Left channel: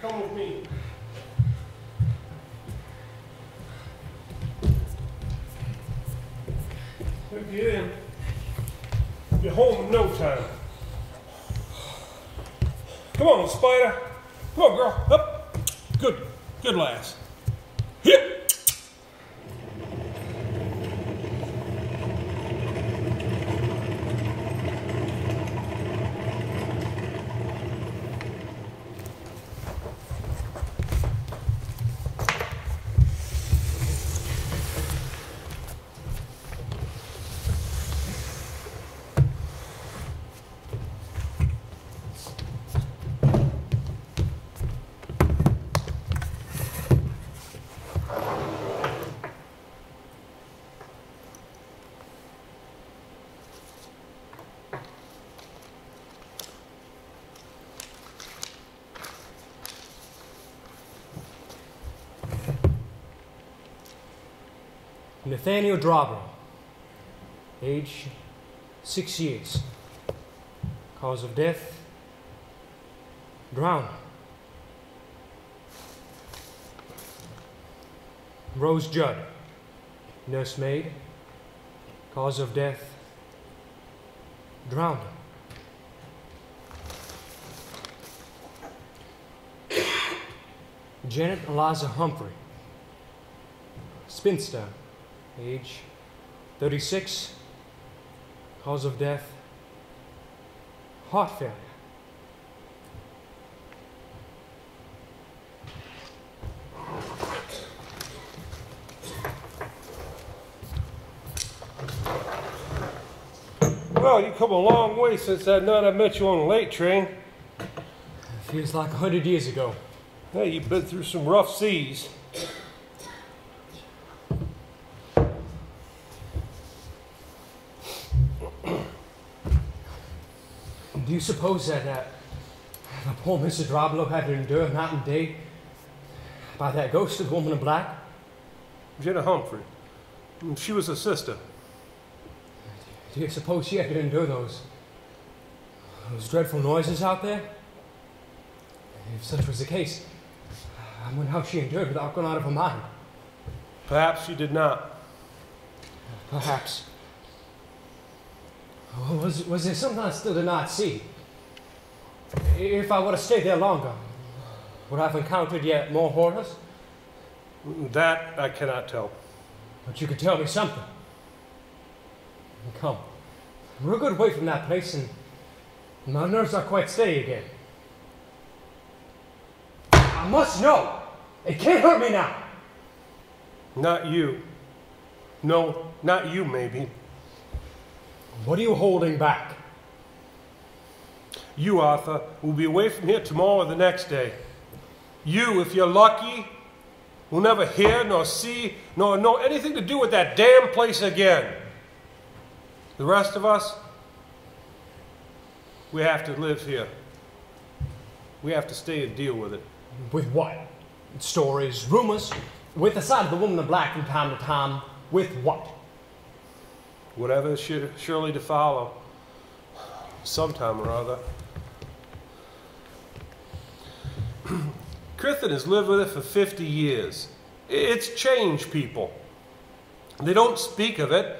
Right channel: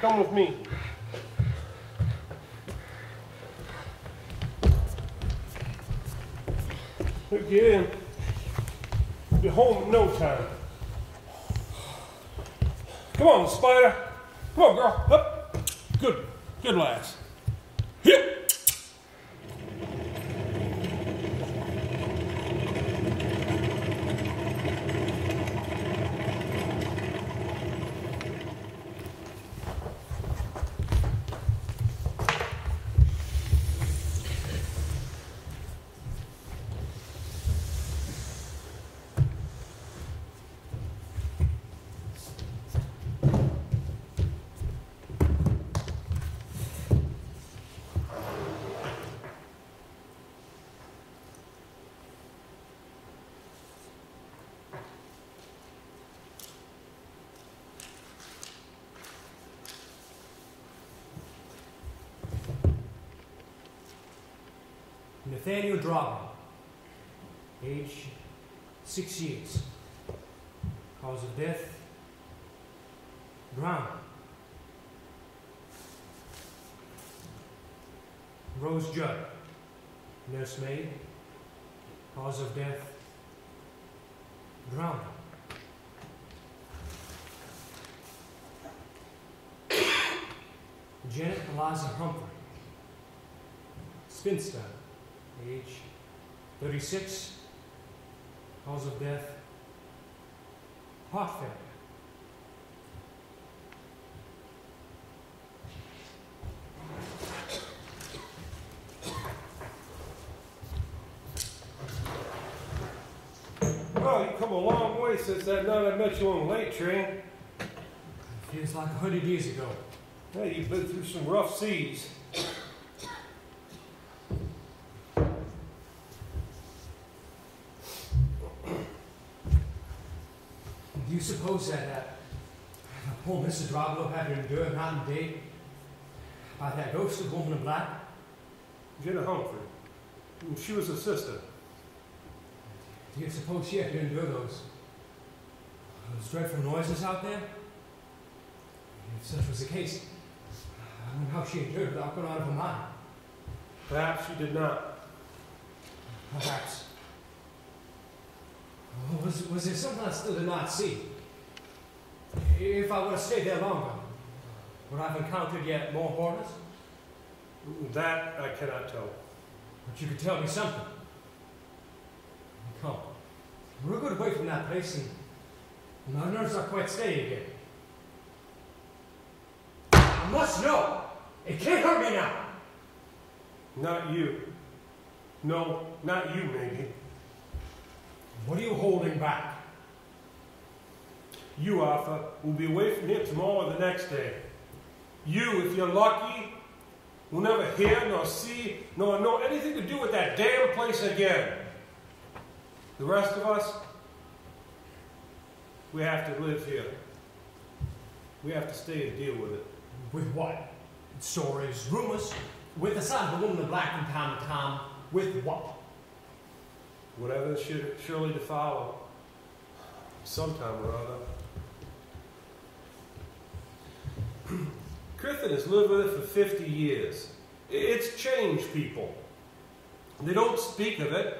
Come with me. Get in. Be home in no time. Come on, Spider. Come on, girl. Up. Good. Good lass. Hip. Nathaniel Drobler, age 6 years. Cause of death, drowned. Rose Judd, nursemaid. Cause of death, drowned. Janet Eliza Humphrey, spinster. Age 36, cause of death, heart failure. Well, you've come a long way since that night I met you on the late train. Feels like 100 years ago. Hey, you've been through some rough seas. Do you suppose that poor Mr. Drobler had to endure night and day by that ghost of woman in black? Jenna Humphrey. She was a sister. Do you suppose she had to endure those dreadful noises out there? If such was the case, I wonder how she endured without going out of her mind. Perhaps she did not. Perhaps. Was there something I still did not see? If I would have stayed there longer, would I have encountered yet more horrors? That I cannot tell. But you could tell me something. Come. We're a good way from that place, and my nerves are quite steady again. I must know! It can't hurt me now! Not you. No, not you, maybe. What are you holding back? You, Arthur, will be away from here tomorrow or the next day. You, if you're lucky, will never hear nor see nor know anything to do with that damn place again. The rest of us, we have to live here. We have to stay and deal with it. With what? Stories, rumors, with the sight of the woman in black from time to time. With what? Whatever is surely to follow, sometime or other. Crichton has lived with it for 50 years. It's changed people. They don't speak of it.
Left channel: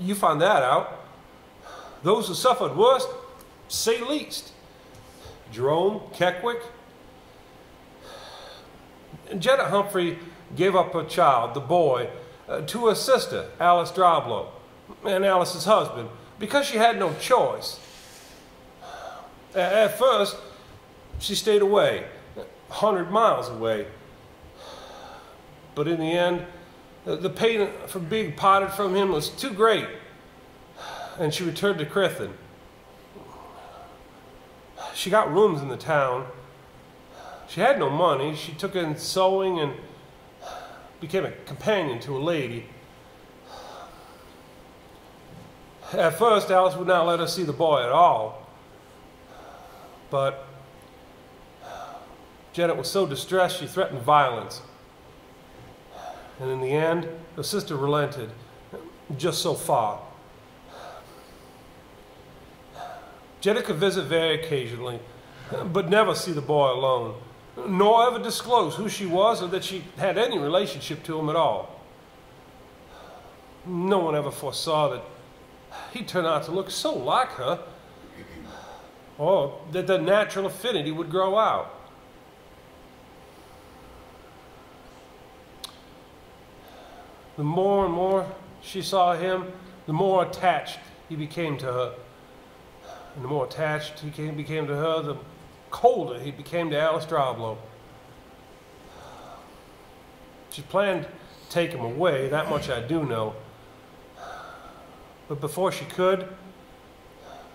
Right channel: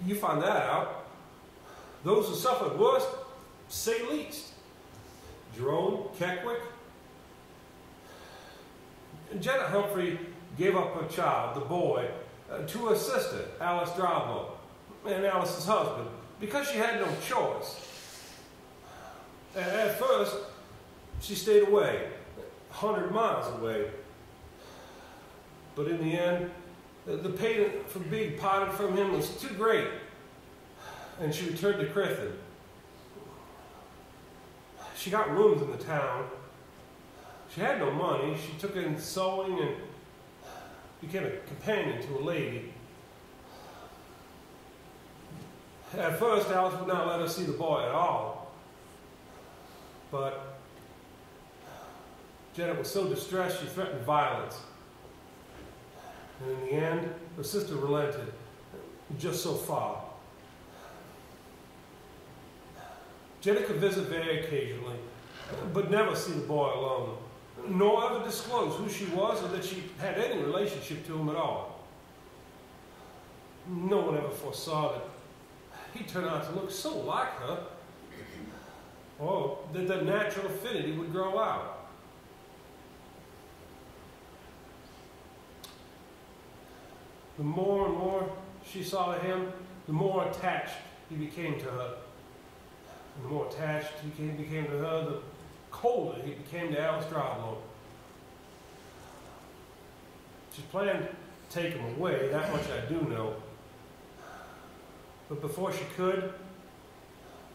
You find that out. Those who suffered worst, say least. Jerome, Keckwick. And Janet Humphrey gave up her child, the boy, to her sister, Alice Drobler, and Alice's husband, because she had no choice. At first, she stayed away, 100 miles away. But in the end, the pain from being parted from him was too great, and she returned to Crichton. She got rooms in the town. She had no money. She took in sewing and became a companion to a lady. At first, Alice would not let us see the boy at all. But Janet was so distressed, she threatened violence. And in the end, her sister relented, just so far. Janet could visit very occasionally, but never see the boy alone. nor ever disclose who she was or that she had any relationship to him at all. No one ever foresaw that he'd turn out to look so like her, or that the natural affinity would grow out. The more and more she saw him, the more attached he became to her. And the more attached he became to her, the colder he became to Alice Droblow. She planned to take him away, that much I do know. But before she could,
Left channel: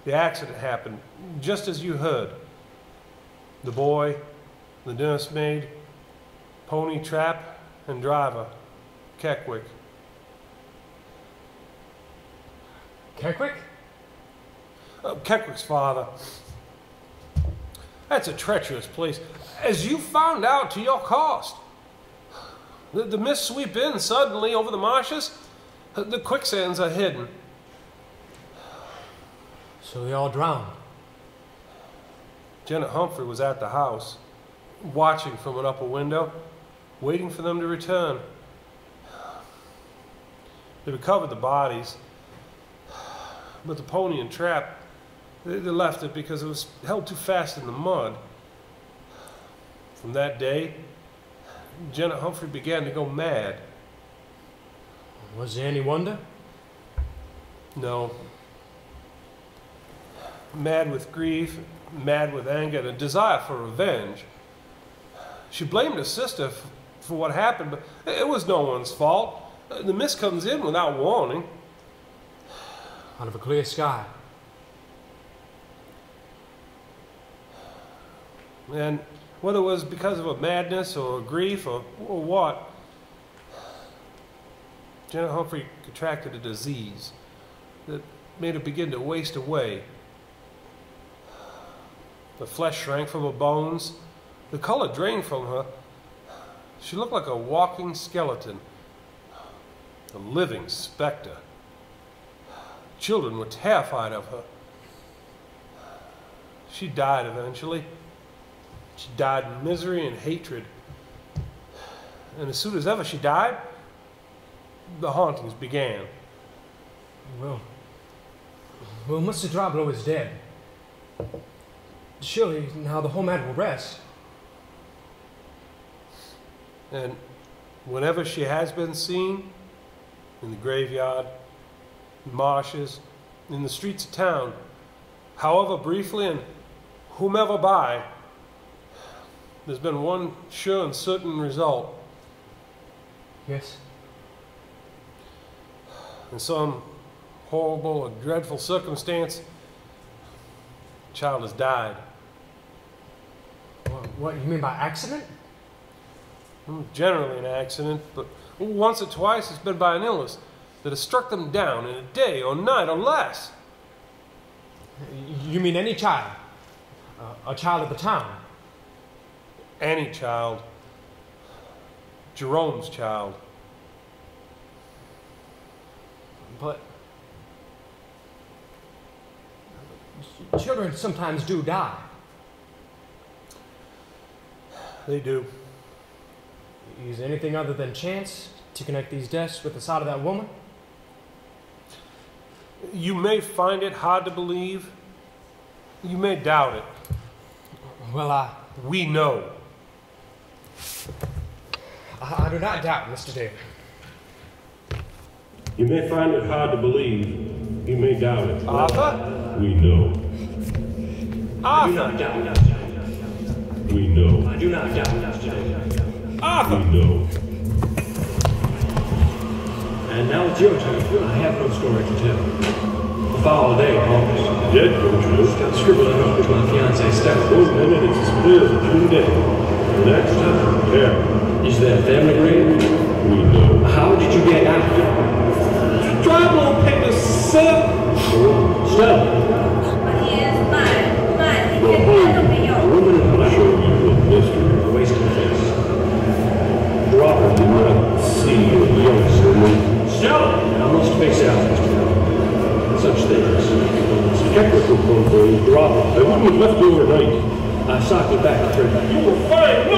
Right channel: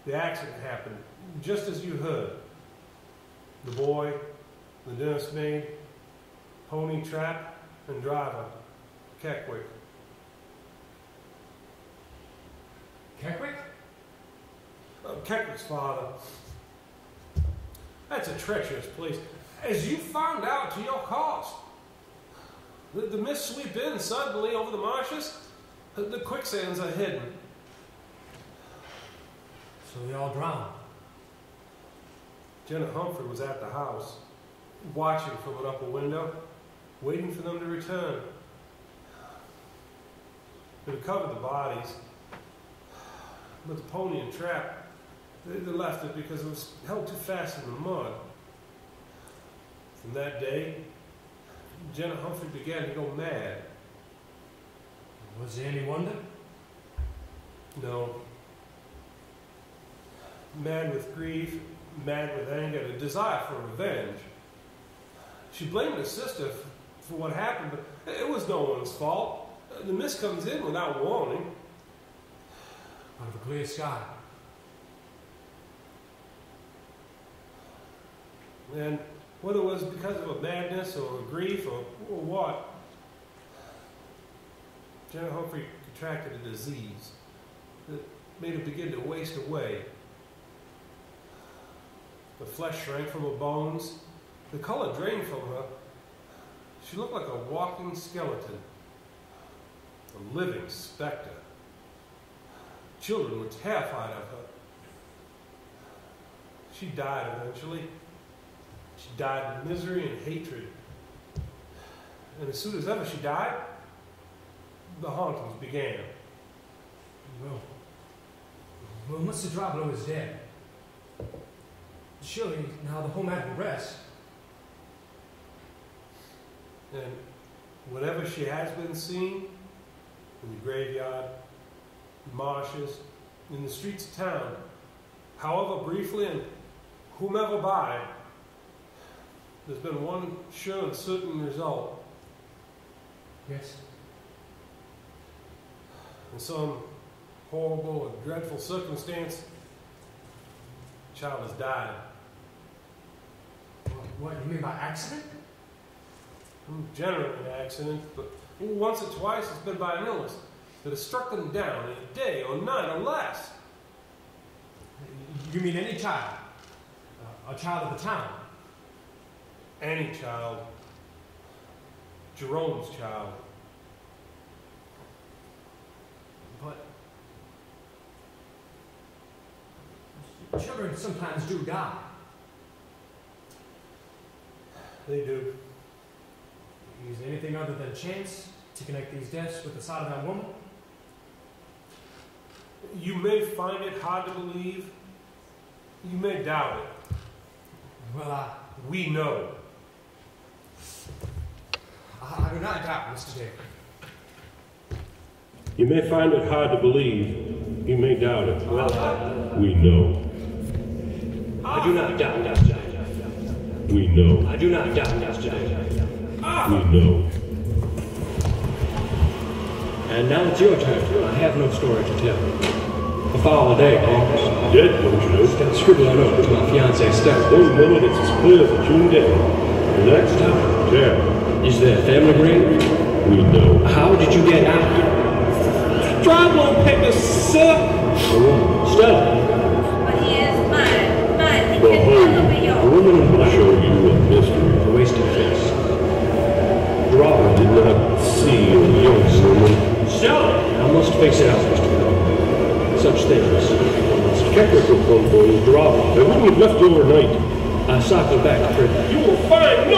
the accident happened, just as you heard. The boy, the nursemaid, pony trap, and driver, Keckwick. Keckwick? Keckwick's father. That's a treacherous place, as you found out to your cost. The mists sweep in suddenly over the marshes. The quicksands are hidden. So they all drowned. Janet Humphrey was at the house, watching from an upper window, waiting for them to return. They recovered the bodies, but the pony and trap, they left it because it was held too fast in the mud. From that day, Janet Humphrey began to go mad. Was there any wonder? No. Mad with grief, mad with anger, and a desire for revenge. She blamed her sister for what happened, but it was no one's fault. The mist comes in without warning. Out of a clear sky. And whether it was because of a madness or a grief or what, Janet Humphrey contracted a disease that made her begin to waste away. The flesh shrank from her bones. The color drained from her. She looked like a walking skeleton, a living specter. Children were terrified of her. She died eventually. She died in misery and hatred. And as soon as ever she died, the hauntings began. Well, Mr. Droblow is dead. Surely now the whole matter will rest. And whenever she has been seen, in the graveyard, in marshes, in the streets of town, however briefly and whomever by, there's been one sure and certain result. Yes. In some horrible or dreadful circumstance, the child has died. What you mean by accident? Generally an accident, but once or twice it's been by an illness that has struck them down in a day or night or less. You mean any child? A child of the town? Any child. Jerome's child. But children sometimes do die. They do. Is there anything other than chance to connect these deaths with the sight of that woman? You may find it hard to believe. You may doubt it. Well, We know. I do not doubt, Mr. Dale. You may find it hard to believe. You may doubt it. Arthur? We know. Arthur! I do not doubt that, John. We know. I do not doubt that, John. Arthur! We know. And now it's your turn. I have no story to tell. A foul day, Holmes. Dead, don't you? Got scribbled over to my fiancée, Steph. Those women, it's clear that you're dead. Next time, prepare. Is there a family grave? We know. How did you get out? Droblow picked us up. Stella. Waste of this. Drop the road. See the voice. Stella! I'm also fixed out. Such things. Skeptical will drop. I wouldn't lift your ring. I saw the back. I heard that. You will find no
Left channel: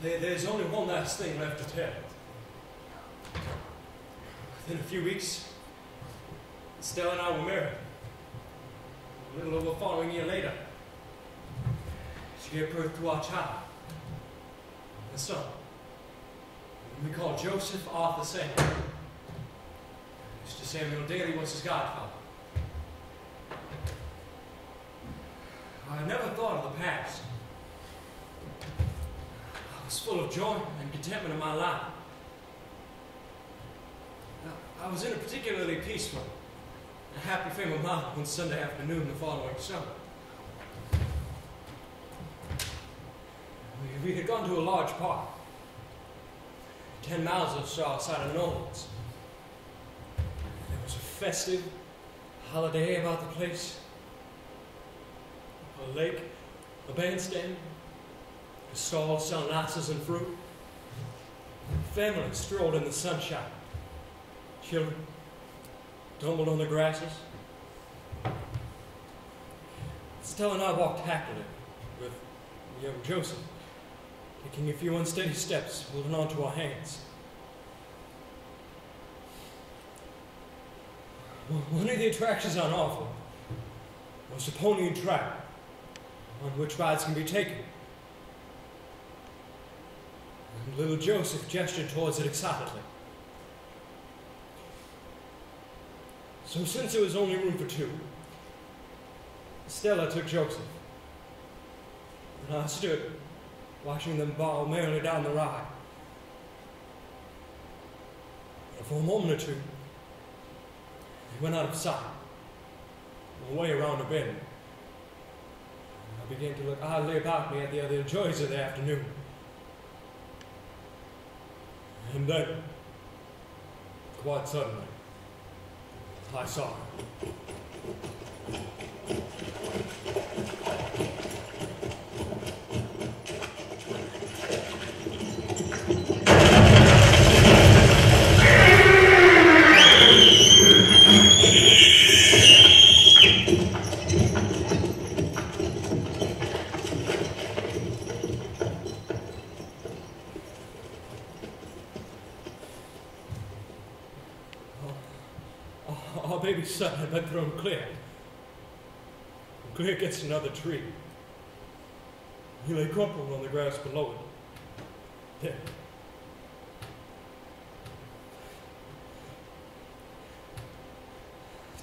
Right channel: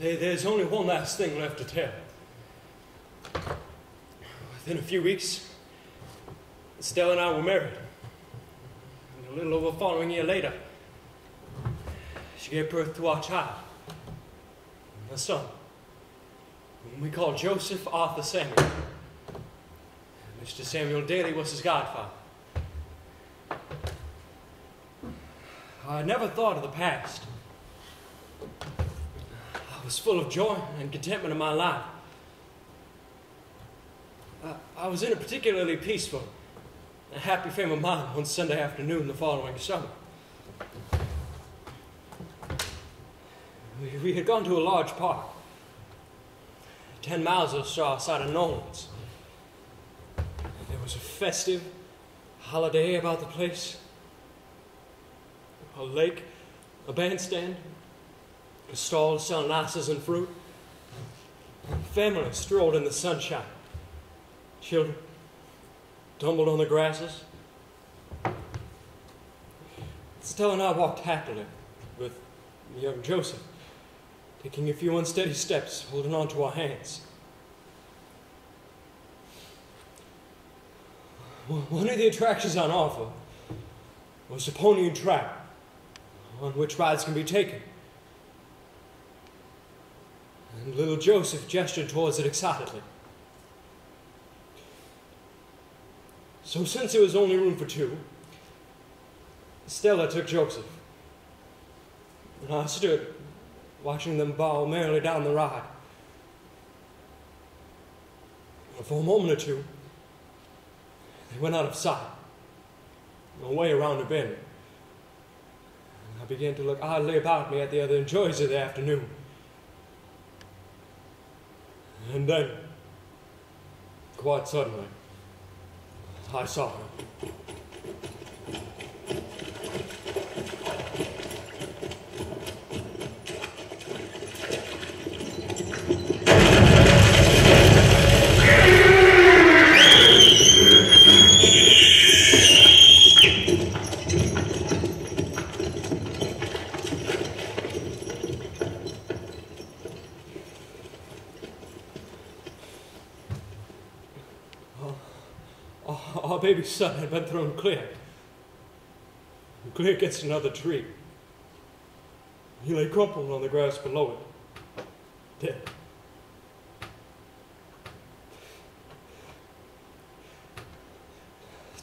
There's only one last thing left to tell. Within a few weeks, Stella and I were married. A little over the following year later, she gave birth to our child, a son, whom we called Joseph Arthur Samuel. Mr. Samuel Daly was his godfather. I never thought of the past. I was full of joy and contentment in my life. I was in a particularly peaceful and happy frame of mind one Sunday afternoon the following summer. We had gone to a large park, 10 miles or so outside of Nolan's. There was a festive holiday about the place. A lake, a bandstand, a stall selling ices and fruit. Families strolled in the sunshine. Children tumbled on the grasses. Stella and I walked happily with young Joseph, taking a few unsteady steps, holding on to our hands. One of the attractions on offer was a pony and trap, on which rides can be taken. And little Joseph gestured towards it excitedly. So since there was only room for two, Stella took Joseph, and I stood watching them bow merrily down the ride. And for a moment or two, they went out of sight, away around a bend. And I began to look oddly about me at the other joys of the afternoon. And then, quite suddenly, I saw her. Our baby son had been thrown clear. And clear against another tree. He lay crumpled on the grass below it, dead.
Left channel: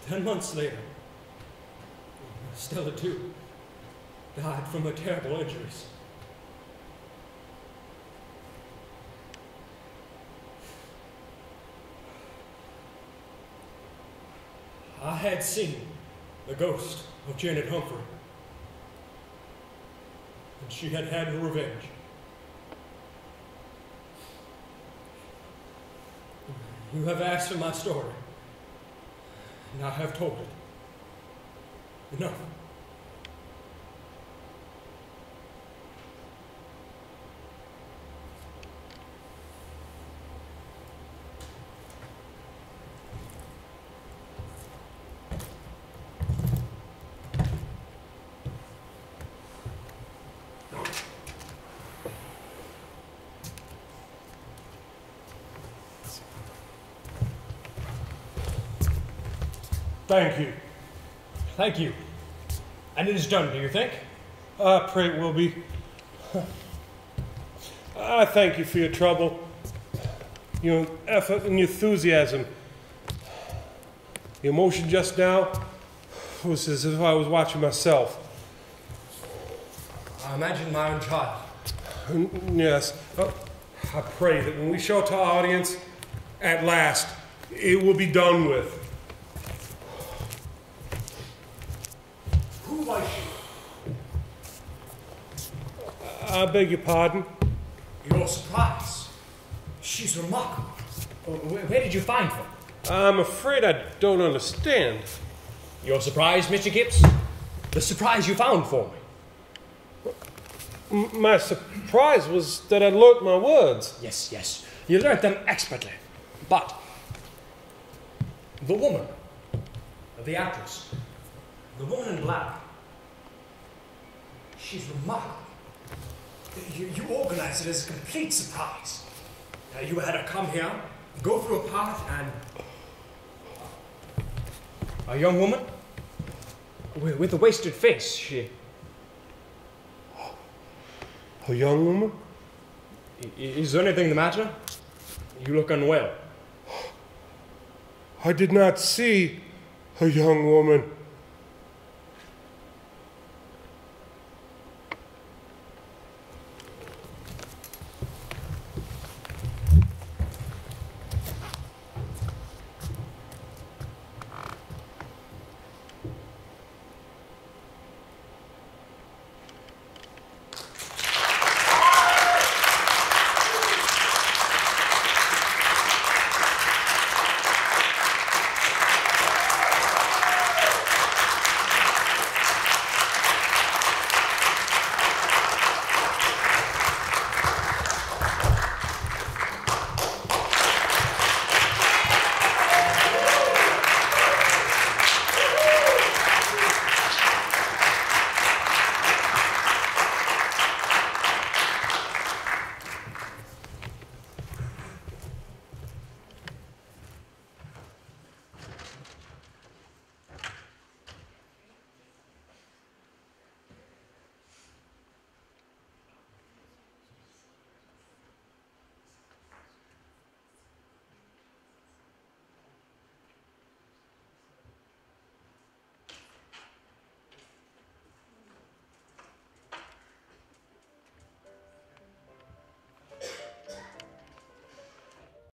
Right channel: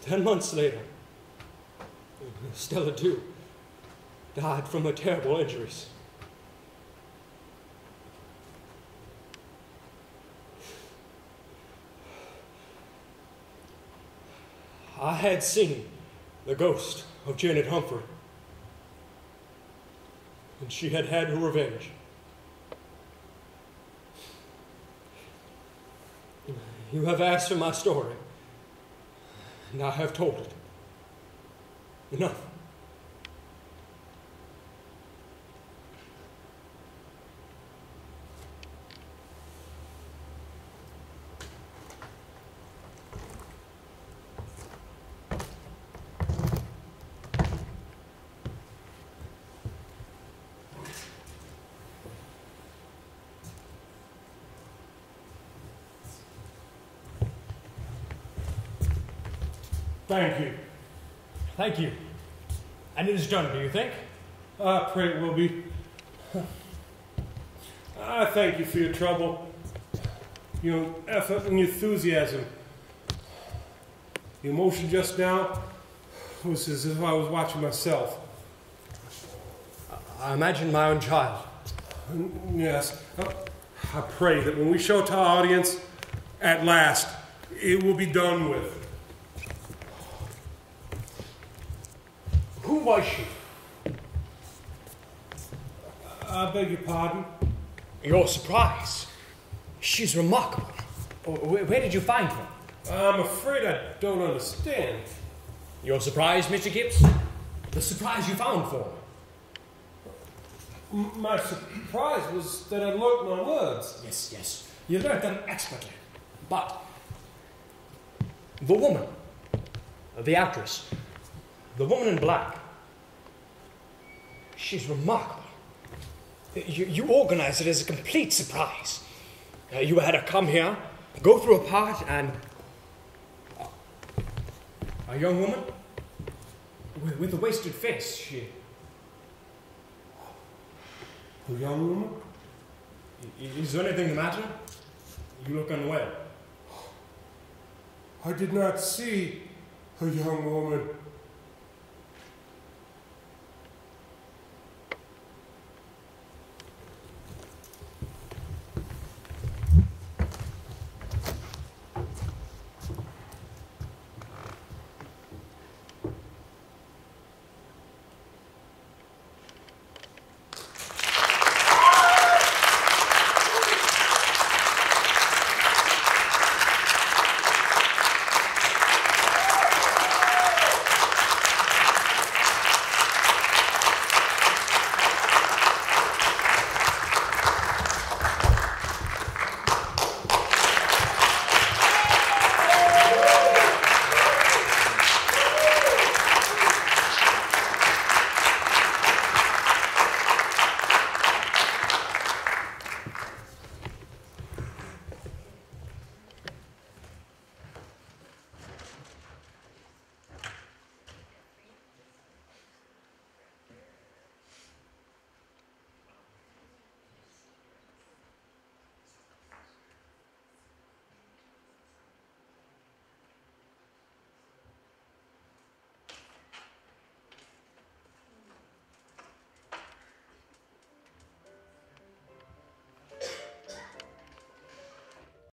"10 months later, Stella too died from her terrible injuries. I had seen the ghost of Janet Humphrey, and she had had her revenge. You have asked for my story, and I have told it. Enough. Thank you. Thank you. And it is done, do you think? I pray it will be. I thank you for your trouble, your effort and your enthusiasm. The emotion just now was as if I was watching myself. I imagine my own child. Yes. I pray that when we show it to our audience, at last, it will be done with. Who was she? I beg your pardon? Your surprise. She's remarkable. Where did you find her? I'm afraid I don't understand. Your surprise, Mr. Gibbs? The surprise you found for me. My surprise was that I learnt my words. Yes. You learnt them expertly. But the woman, the actress, the woman in black, she's remarkable. You organized it as a complete surprise. You had her come here, go through a part, and a young woman with a wasted face. A young woman? Is there anything the matter? You look unwell. I did not see a young woman.